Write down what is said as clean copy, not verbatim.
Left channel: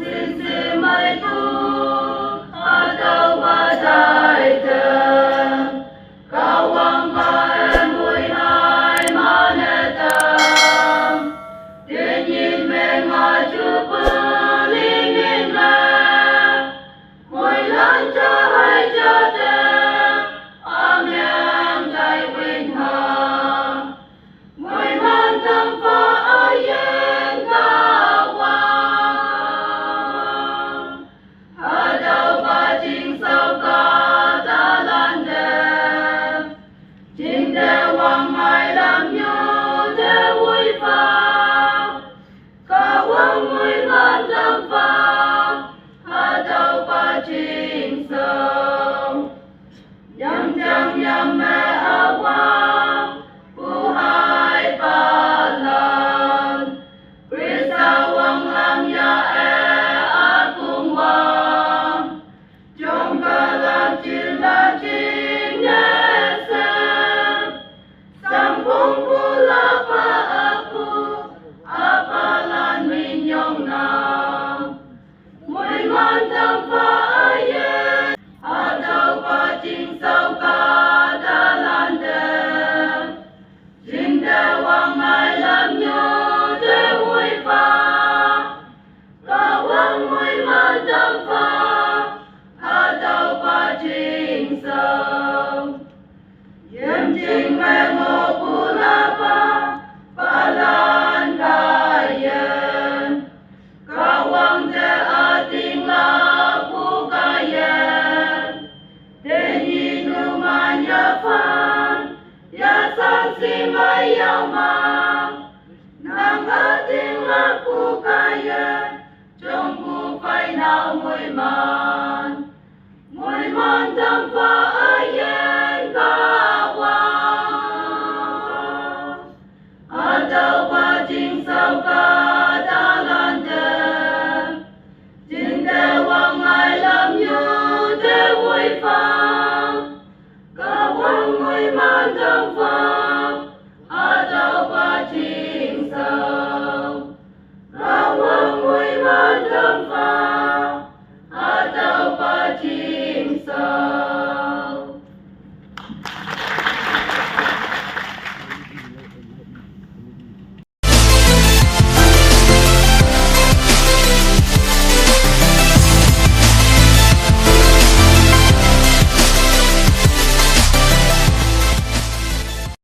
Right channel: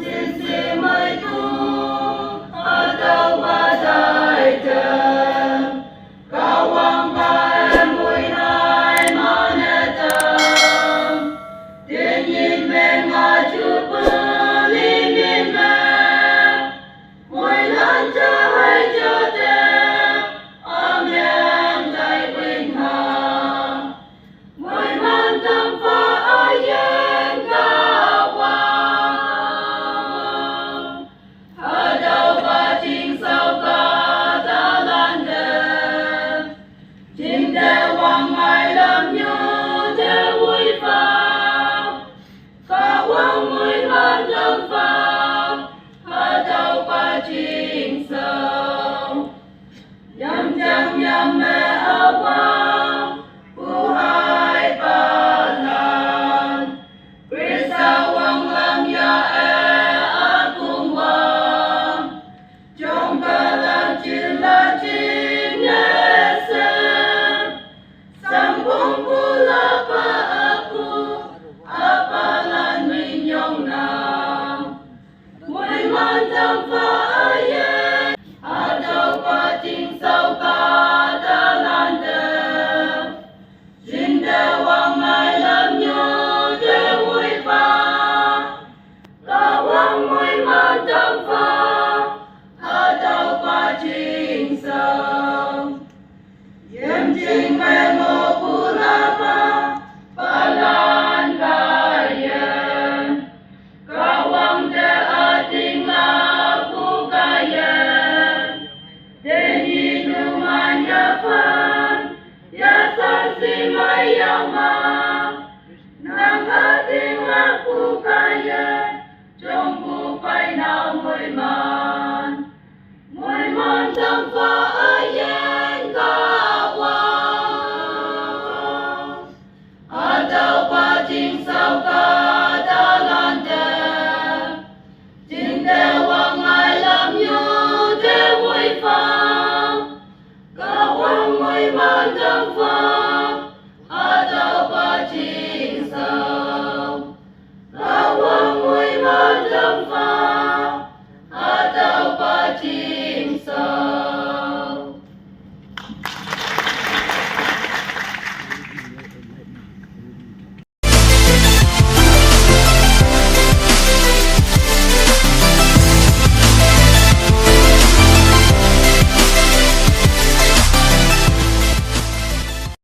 xin si mai tu atau badai jem kawang bai mui hai manetam dingin mengaju pelingin me mui lancar hai jate amian dai win ha mui mantang fa ayen kawang hadau bajing sau ka dalan dem jing de wang mai lam nyu de vui fa kawang mui mantang fa hadau bajing sau yam jam yam me awang buhay balan Krisawang lam ya akung wang Jom kalang cila cinesen Sambung pula pa aku apalan minyong na Mui mantang pa ayen atau pacing sau ka dalan dem Jing de wang mai lam nyu de vui fa kawang mui mantang fa atau pacing sau yem jing me ngo pula pa palan kayen kawang de ating laku kayen denyi numanya fan ya san si mayama nang ating laku kayen jong ku pai na mui man tang fa